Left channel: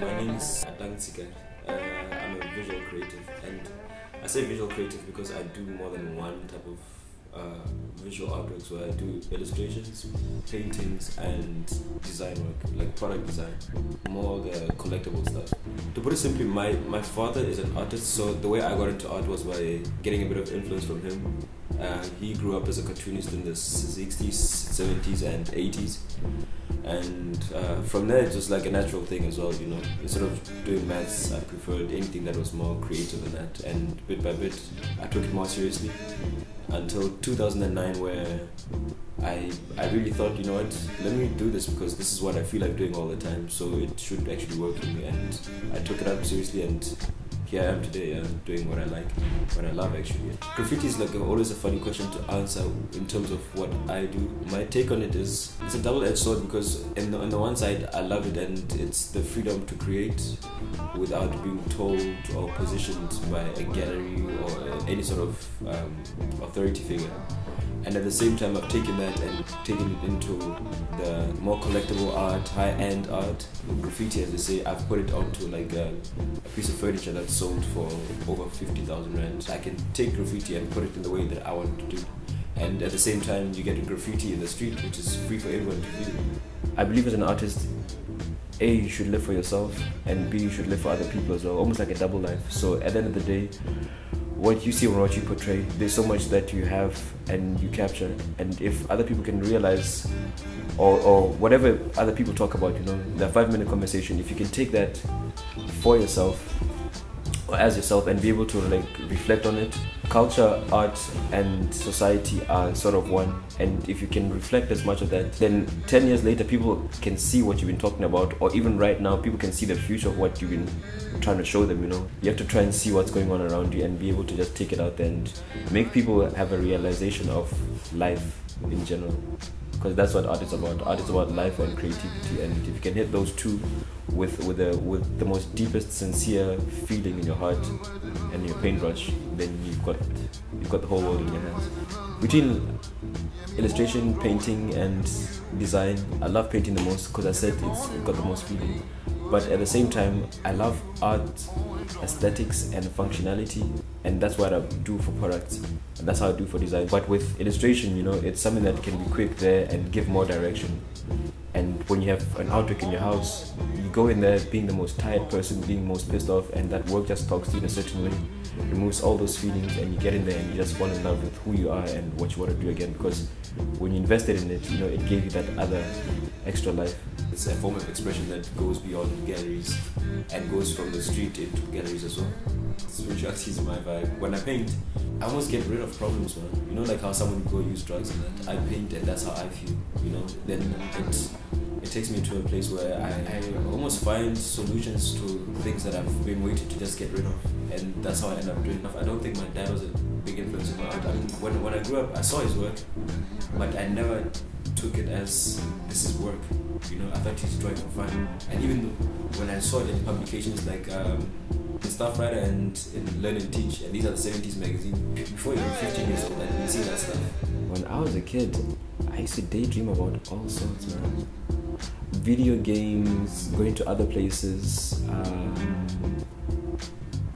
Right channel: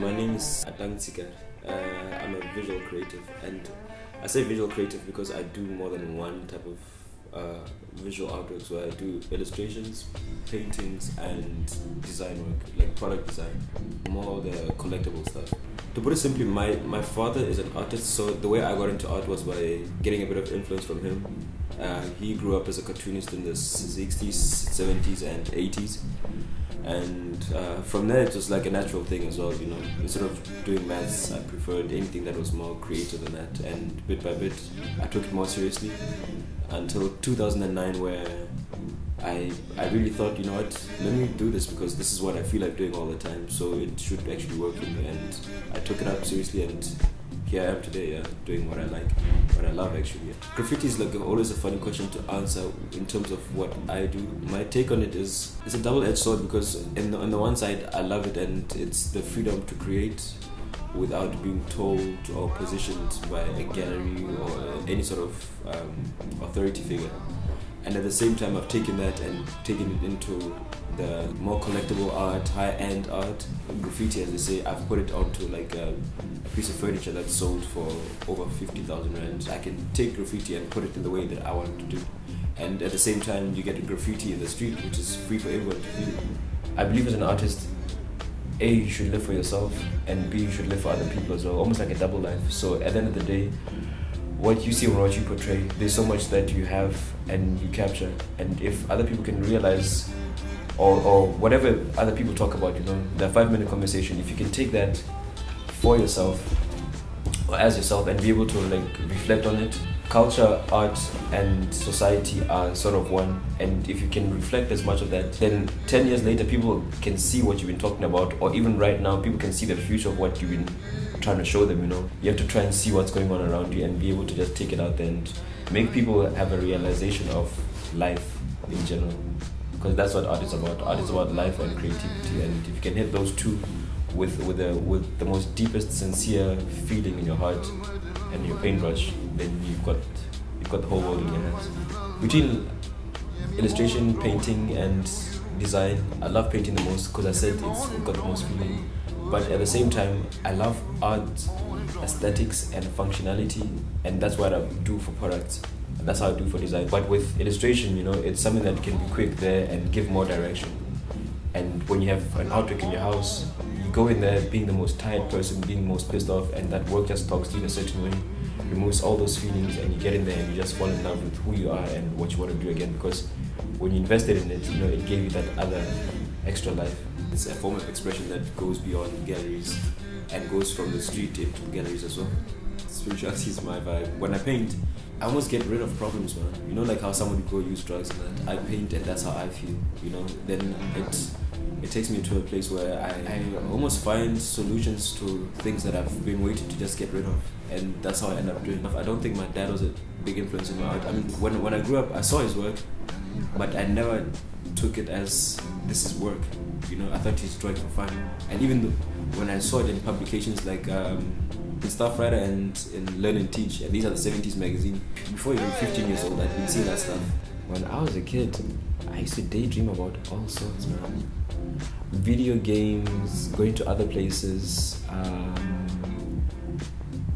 My name is Atang Tshikare. I'm a visual creative, and I say visual creative because I do more than one type of visual artworks where I do illustrations, paintings, and design work, like product design, more the collectible stuff. To put it simply, my father is an artist, so the way I got into art was by getting a bit of influence from him. He grew up as a cartoonist in the 60s, 70s, and 80s. And from there it was like a natural thing as well, you know. Instead of doing maths, I preferred anything that was more creative than that, and bit by bit I took it more seriously until 2009, where I really thought, you know what, let me do this because this is what I feel like doing all the time, so it should actually work for me. And I took it up seriously, and here I am today, doing what I like, what I love actually. Graffiti is like always a funny question to answer in terms of what I do. My take on it is, it's a double-edged sword, because on the one side I love it, and it's the freedom to create without being told or positioned by a gallery or any sort of authority figure. And at the same time, I've taken that and taken it into the more collectible art, high-end art. Graffiti, as they say, I've put it onto like a piece of furniture that's sold for over 50,000 rand. I can take graffiti and put it in the way that I want to do. And at the same time, you get a graffiti in the street, which is free for everyone to view. I believe as an artist, A, you should live for yourself, and B, you should live for other people as well, almost like a double life. So at the end of the day, what you see or what you portray, there's so much that you have and you capture, and if other people can realize or whatever other people talk about, you know, the 5-minute conversation, if you can take that for yourself or as yourself and be able to like reflect on it, culture, art and society are sort of one, and if you can reflect as much of that, then 10 years later people can see what you've been talking about, or even right now people can see the future of what you've been trying to show them, you know. You have to try and see what's going on around you and be able to just take it out there and make people have a realization of life in general, because that's what art is about. Art is about life and creativity, and if you can hit those two with the most deepest sincere feeling in your heart and your paintbrush, then you've got the whole world in your hands. Between illustration, painting and design, I love painting the most because I said it's got the most feeling. But at the same time, I love art, aesthetics and functionality, and that's what I do for products, and that's how I do for design. But with illustration, you know, it's something that can be quick there and give more direction. And when you have an artwork in your house, you go in there being the most tired person, being most pissed off, and that work just talks to you in a certain way, removes all those feelings, and you get in there and you just fall in love with who you are and what you want to do again, because when you invested in it, you know, it gave you that other extra life. It's a form of expression that goes beyond galleries and goes from the street into galleries as well. Spirituality is my vibe. When I paint, I almost get rid of problems, man. You know, like how someone would go use drugs and that. I paint and that's how I feel, you know. Then it takes me to a place where I almost find solutions to things that I've been waiting to just get rid of. And that's how I end up doing it. I don't think my dad was a big influence in my art. I mean, when I grew up, I saw his work, but I never took it as this is work. You know, I thought he's drawing for fun. And even when I saw it in publications like in Staff Writer and in Learn and Teach, and these are the 70s magazine, before you were 15 years old, I didn't see that stuff. When I was a kid, I used to daydream about all sorts, man. Video games, going to other places,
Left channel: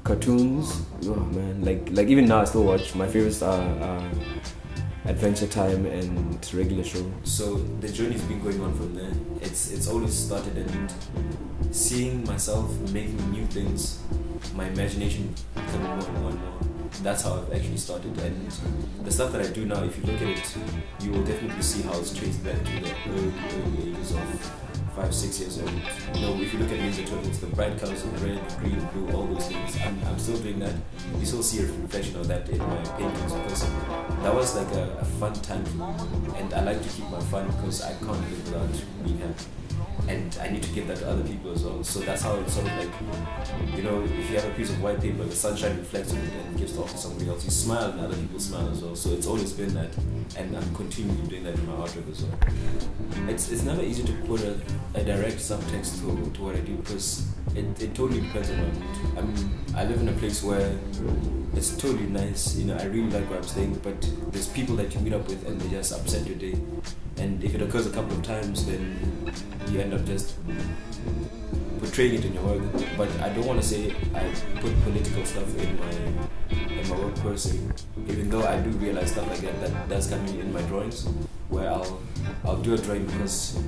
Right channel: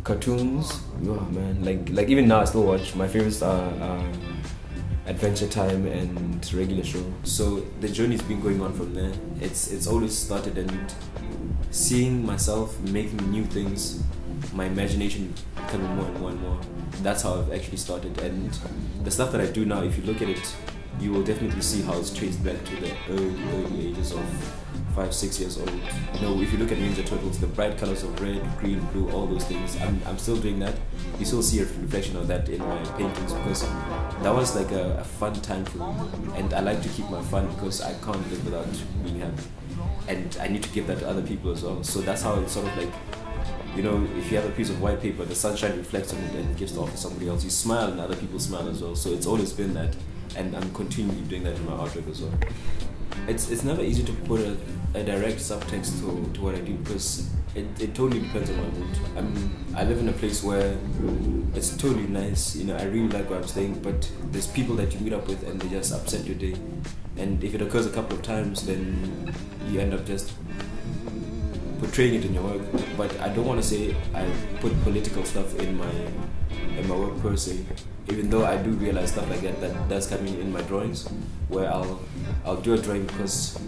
cartoons. Oh man, like even now I still watch. My favorites are Adventure Time and Regular Show. So the journey's been going on from there. It's always started, and seeing myself making new things, my imagination becoming more and more and more. That's how I've actually started, and the stuff that I do now, if you look at it, you will definitely see how it's traced back to the early ages of 5-6 years old. You know, if you look at Ninja Turtles, the bright colors of red, green, blue, all those things, I'm still doing that. You still see a reflection of that in my paintings, because that was like a fun time for me, and I like to keep my fun because I can't live without being happy, and I need to give that to other people as well. So that's how it's sort of like, you know, if you have a piece of white paper, the sunshine reflects on it and gives it off to somebody else. You smile and other people smile as well. So it's always been that, and I'm continuing doing that in my artwork as well. It's never easy to put a direct subtext to what I do, because it totally depends on my mood. I mean, I live in a place where it's totally nice, you know, I really like where I'm staying, but there's people that you meet up with and they just upset your day. And if it occurs a couple of times, then you end up just portraying it in your work, but I don't want to say I put political stuff in my work per se, even though I do realize stuff like that does come in my drawings, where I'll do a drawing because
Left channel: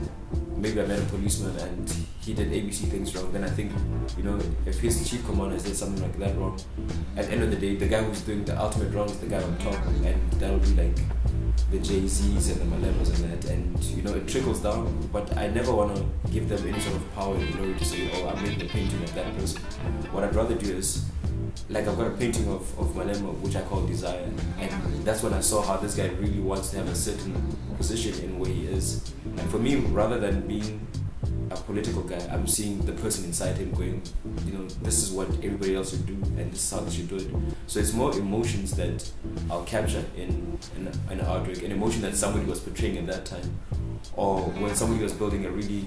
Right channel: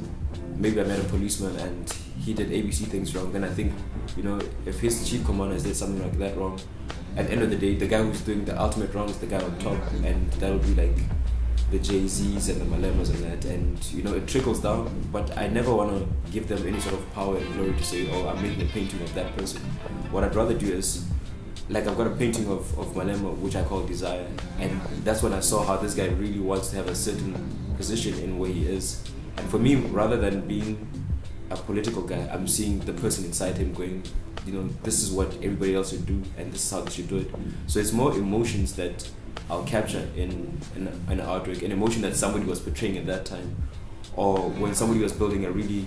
maybe I met a policeman and he did ABC things wrong. Then I think, you know, if his chief commander did something like that wrong, at the end of the day, the guy who's doing the ultimate wrong is the guy on top, and that'll be like the Jay-Z's and the Malemas and that, and you know, it trickles down. But I never want to give them any sort of power and glory to say, oh, I'm making a painting of that person. What I'd rather do is, like, I've got a painting of Malema which I call Desire, and that's when I saw how this guy really wants to have a certain position in where he is. And for me, rather than being a political guy, I'm seeing the person inside him going, you know, this is what everybody else should do and this is how they should do it. So it's more emotions that I'll capture in an artwork, an emotion that somebody was portraying at that time, or when somebody was building a really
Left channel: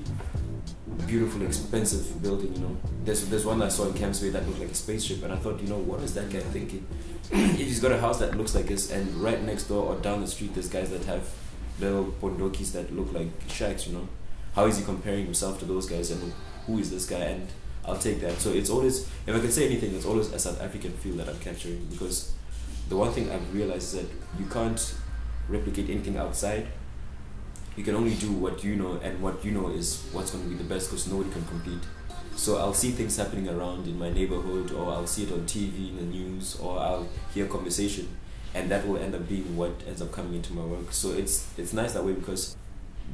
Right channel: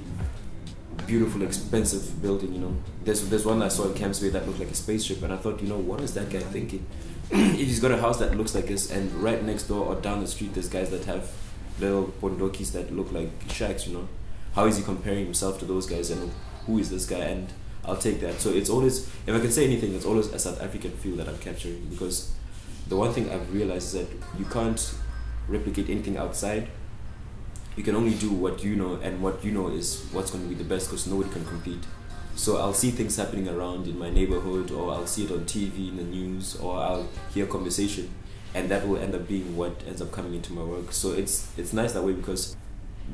beautiful, expensive building. You know, there's one I saw in Camps Bay that looked like a spaceship, and I thought, you know, what is that guy thinking? If he's got a house that looks like this, and right next door or down the street there's guys that have little bondokis that look like shacks, you know, how is he comparing himself to those guys, and who is this guy? And I'll take that. So it's always, if I can say anything, it's always a South African feel that I'm capturing, because the one thing I've realized is that you can't replicate anything outside. You can only do what you know, and what you know is what's going to be the best, because nobody can compete. So I'll see things happening around in my neighborhood, or I'll see it on TV, in the news, or I'll hear conversation, and that will end up being what ends up coming into my work. So it's nice that way, because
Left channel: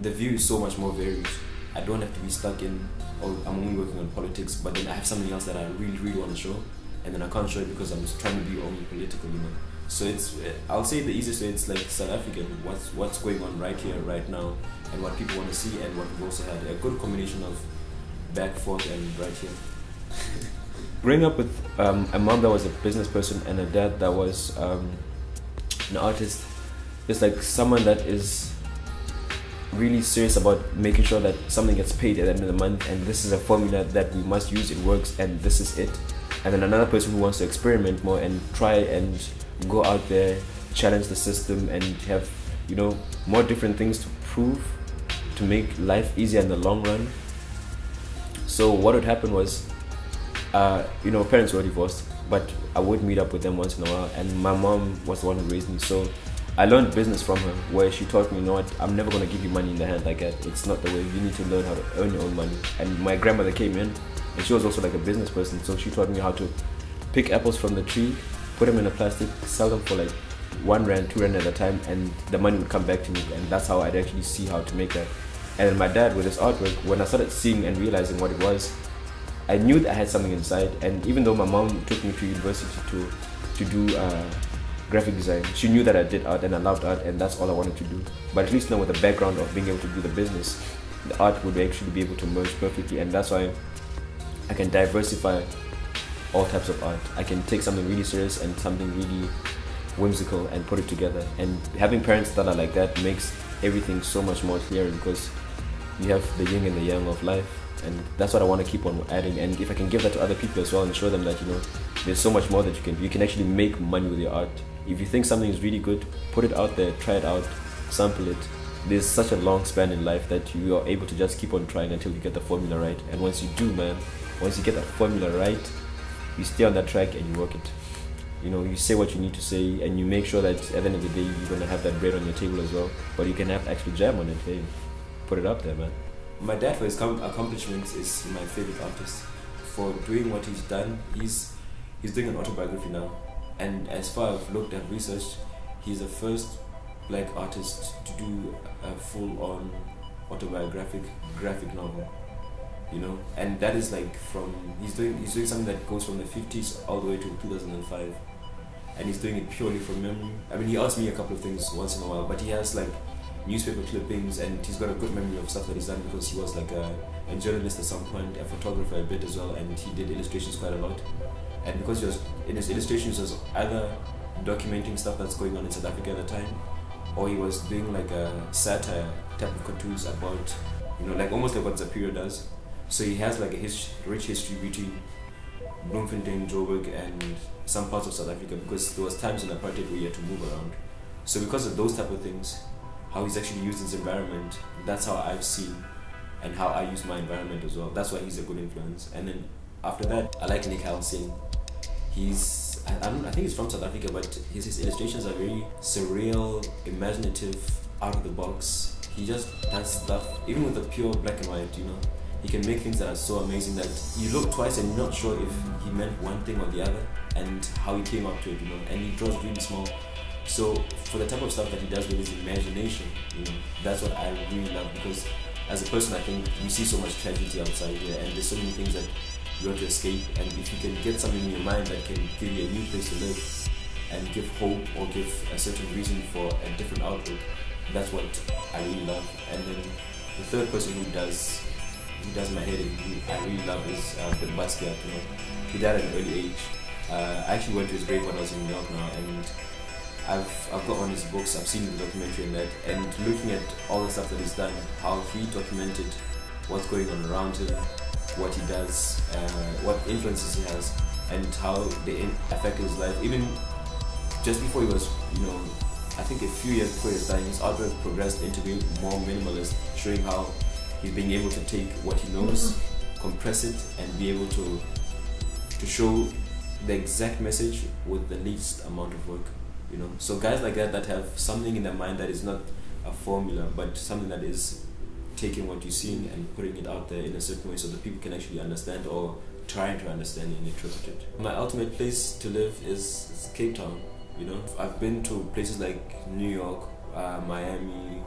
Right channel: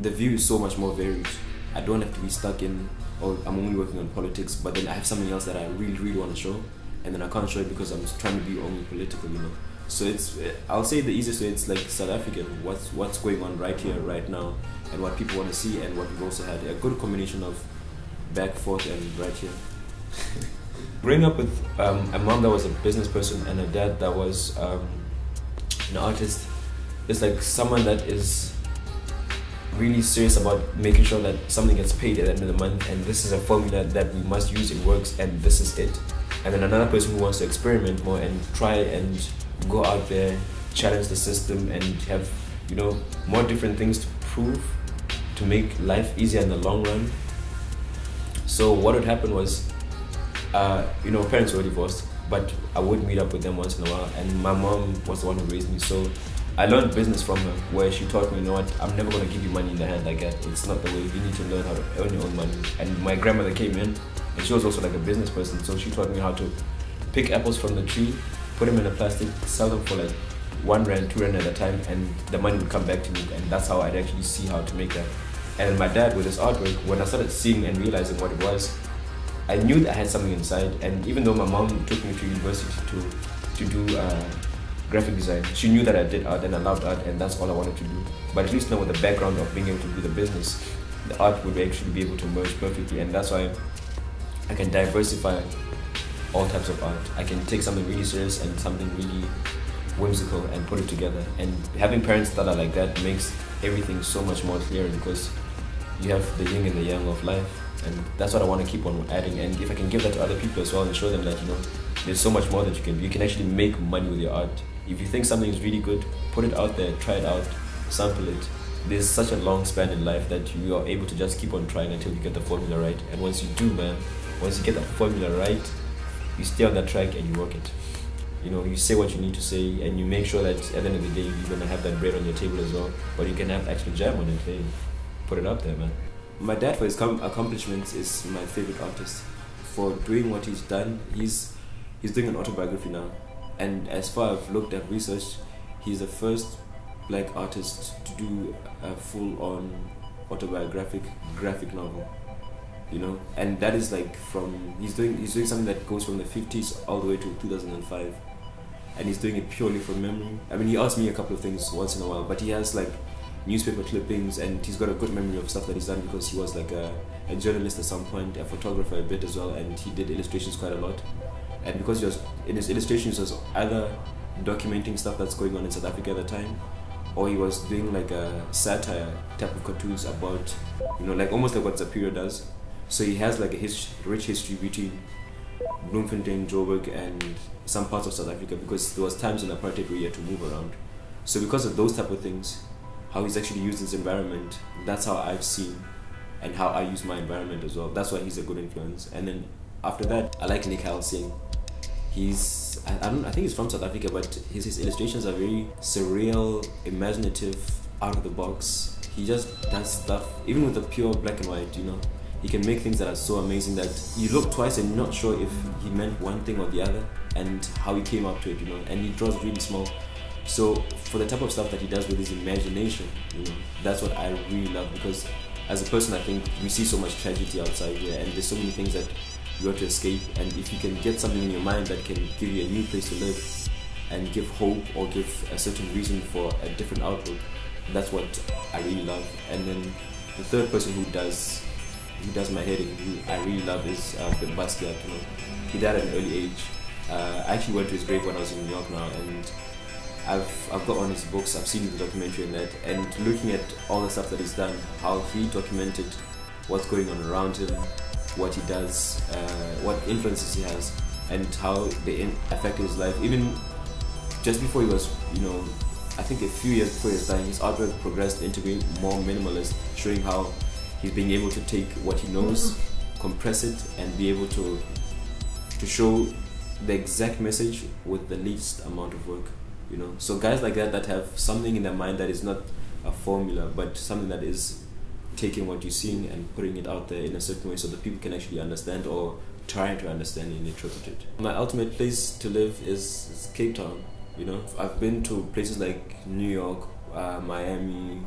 the view is so much more varied. I don't have to be stuck in, oh, I'm only working on politics, but then I have something else that I really, really want to show, and then I can't show it because I'm trying to be only political, you know. So it's, I'll say the easiest way, it's like South African, what's going on right here, right now, and what people want to see, and what we've also had a good combination of back, forth, and right here. Growing up with a mom that was a business person and a dad that was an artist, is like someone that is really serious about making sure that something gets paid at the end of the month, and this is a formula that we must use, it works, and this is it. And then another person who wants to experiment more and try and go out there, challenge the system, and have, you know, more different things to prove to make life easier in the long run. So what would happen was, you know, parents were divorced, but I would meet up with them once in a while, and my mom was the one who raised me. So I learned business from her, where she taught me, you know what, I'm never going to give you money in the hand like that. It's not the way. You need to learn how to earn your own money. And my grandmother came in, and she was also like a business person, so she taught me how to pick apples from the tree, put them in a plastic, sell them for like 1 rand, 2 rand at a time, and the money would come back to me, and that's how I'd actually see how to make that. And then my dad, with his artwork, when I started seeing and realizing what it was, I knew that I had something inside. And even though my mom took me to university to do graphic design, she knew that I did art and I loved art, and that's all I wanted to do. But at least now with the background of being able to do the business, the art would actually be able to merge perfectly, and that's why I can diversify all types of art. I can take something really serious and something really whimsical and put it together. And having parents that are like that makes everything so much more clear, because you have the yin and the yang of life, and that's what I want to keep on adding. And if I can give that to other people as well and show them that, you know, there's so much more that you can actually make money with your art. If you think something is really good, put it out there, try it out, sample it. There's such a long span in life that you are able to just keep on trying until you get the formula right. And once you do, man, once you get the formula right, you stay on that track and you work it. You know, you say what you need to say, and you make sure that at the end of the day you're gonna have that bread on your table as well, but you can have actually jam on it. Hey, put it up there, man. My dad, for his accomplishments, is my favorite artist. For doing what he's done, he's doing an autobiography now, and as far as I've looked at research, he's the first black artist to do a full-on autobiographic graphic novel. You know, and that is like he's doing something that goes from the 50s all the way to 2005, and he's doing it purely from memory. I mean, he asks me a couple of things once in a while, but he has like newspaper clippings, and he's got a good memory of stuff that he's done, because he was like a journalist at some point, a photographer a bit as well, and he did illustrations quite a lot. And because he was in his illustrations, he was either documenting stuff that's going on in South Africa at the time, or he was doing like a satire type of cartoons about, you know, like almost like what Zapiro does. So he has like a rich history between Bloemfontein, Joburg, and some parts of South Africa, because there was times in apartheid where he had to move around. So because of those type of things, how he's actually used his environment, that's how I've seen and how I use my environment as well. That's why he's a good influence. And then after that, I like Nick Singh. He's, I think he's from South Africa, but his illustrations are very surreal, imaginative, out of the box. He just does stuff, even with the pure black and white, you know. He can make things that are so amazing that you look twice and you're not sure if he meant one thing or the other and how he came up to it, you know. And he draws really small. So for the type of stuff that he does with his imagination, you know, that's what I really love, because as a person, I think we see so much tragedy outside here, and there's so many things that you want to escape. And if you can get something in your mind that can give you a new place to live and give hope or give a certain reason for a different outlook, that's what I really love. And then the third person who does my head and who I really love is Basquiat. You know, he died at an early age. I actually went to his grave when I was in New York now, and I've got on his books, I've seen the documentary and that, and looking at all the stuff that he's done, how he documented what's going on around him, what he does, what influences he has, and how they affected his life. Even just before he was, you know, I think a few years before he was dying, his artwork progressed into being more minimalist, showing how he's being able to take what he knows, compress it, and be able to show the exact message with the least amount of work, you know. So guys like that have something in their mind that is not a formula, but something that is taking what you're seeing and putting it out there in a certain way so that people can actually understand, or trying to understand and interpret it. My ultimate place to live is Cape Town. You know, I've been to places like New York, Miami,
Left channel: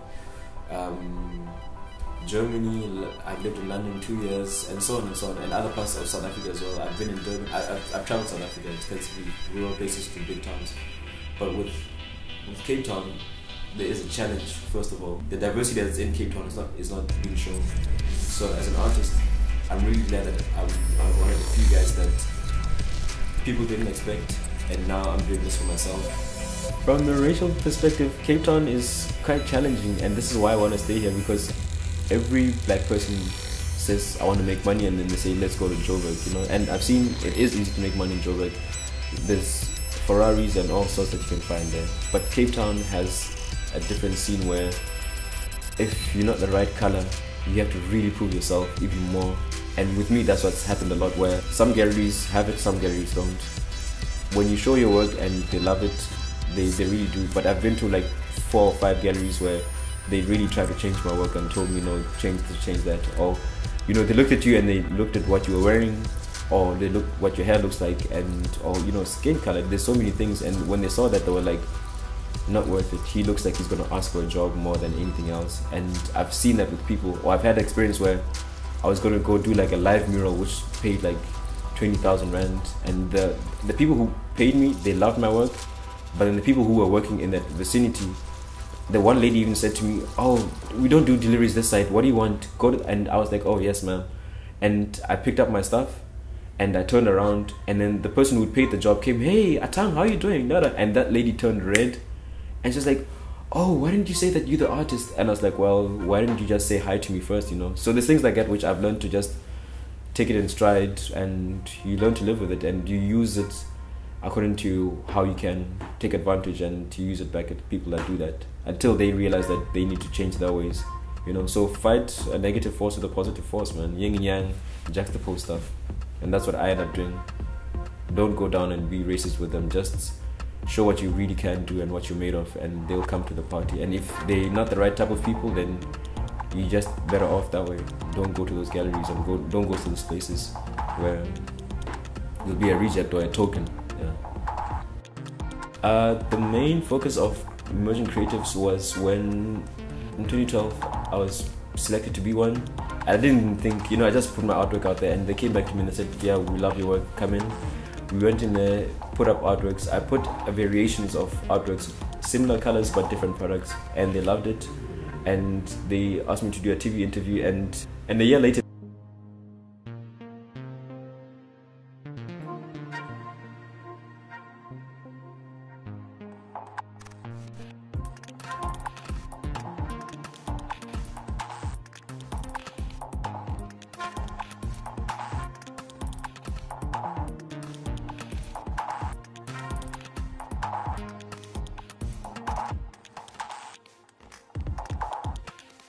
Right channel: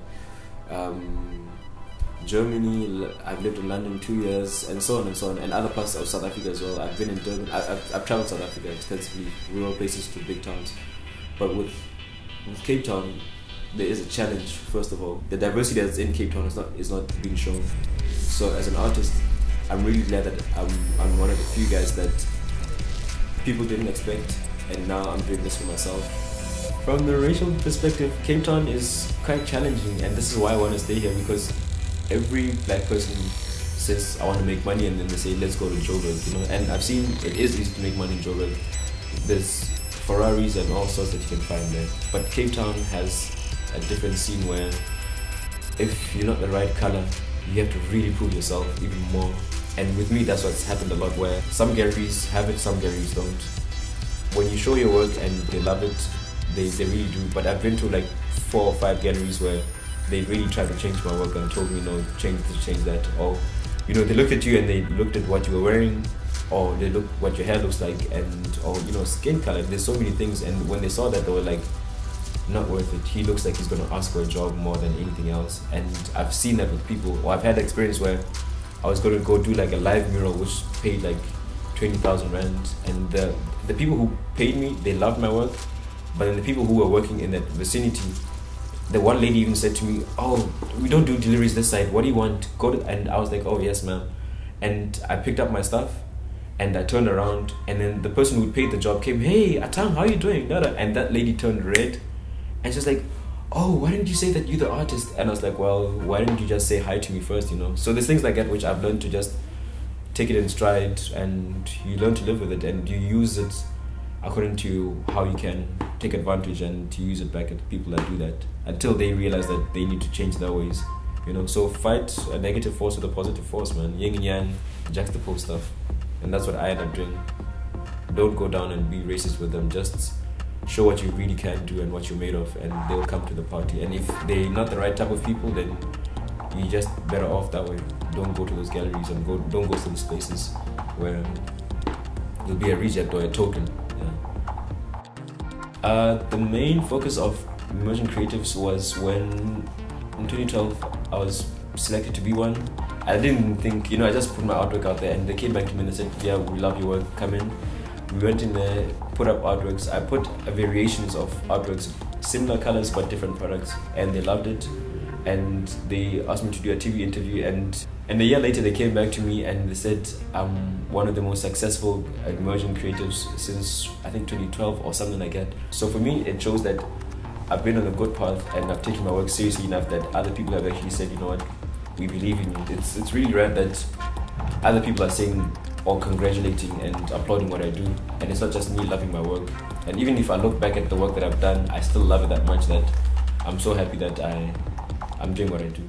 Germany. I've lived in London 2 years, and so on and so on, and other parts of South Africa as well. I've been in Durban. I've traveled South Africa extensively, rural places to big towns. But with Cape Town, there is a challenge. First of all, the diversity that's in Cape Town is not being shown. So as an artist, I'm really glad that I'm one of the few guys that people didn't expect, and now I'm doing this for myself. From the racial perspective, Cape Town is quite challenging, and this is why I want to stay here, because every black person says I want to make money, and then they say let's go to Joburg, you know. And I've seen it is easy to make money in Joburg. There's Ferraris and all sorts that you can find there, but Cape Town has a different scene where if you're not the right color, you have to really prove yourself even more. And with me, that's what's happened a lot, where some galleries have it, some galleries don't. When you show your work and they love it, they really do. But I've been to like 4 or 5 galleries where they really tried to change my work and told me, no, change this, change that. Or, you know, they looked at you and they looked at what you were wearing, or they looked what your hair looks like, and, or, you know, skin color. There's so many things. And when they saw that, they were like, not worth it. He looks like he's going to ask for a job more than anything else. And I've seen that with people. Or I've had experience where I was going to go do like a live mural which paid like 20,000 rand, and the people who paid me, they loved my work, but then the people who were working in that vicinity, the one lady even said to me, oh, we don't do deliveries this side, what do you want? Go to, and I was like, oh yes ma'am. And I picked up my stuff and I turned around, and then the person who paid the job came, hey Atang, how are you doing? And that lady turned red and she was like, oh, why didn't you say that you're the artist? And I was like, well, why didn't you just say hi to me first, you know? So there's things like that which I've learned to just take it in stride, and you learn to live with it, and you use it according to how you can take advantage, and to use it back at people that do that until they realize that they need to change their ways, you know. So fight a negative force with a positive force, man. Yin and yang, juxtapose stuff. And that's what I end up doing. Don't go down and be racist with them. Just show what you really can do and what you're made of, and they'll come to the party. And if they're not the right type of people, then you're just better off that way. Don't go to those galleries, and don't go to those places where you'll be a reject or a token. Yeah. The main focus of Emerging Creatives was when in 2012 I was selected to be one. I didn't think, you know, I just put my artwork out there, and they came back to me and they said, yeah, we love your work, come in. We went in there, put up artworks. I put variations of artworks, similar colors but different products, and they loved it. And they asked me to do a TV interview, and a year later they came back to me and they said I'm one of the most successful emerging creatives since I think 2012 or something like that. So for me, it shows that I've been on a good path, and I've taken my work seriously enough that other people have actually said, you know what, we believe in you. It's really rare that other people are saying or congratulating and applauding what I do, and it's not just me loving my work. And even if I look back at the work that I've done, I still love it that much that I'm so happy that I'm doing what I do.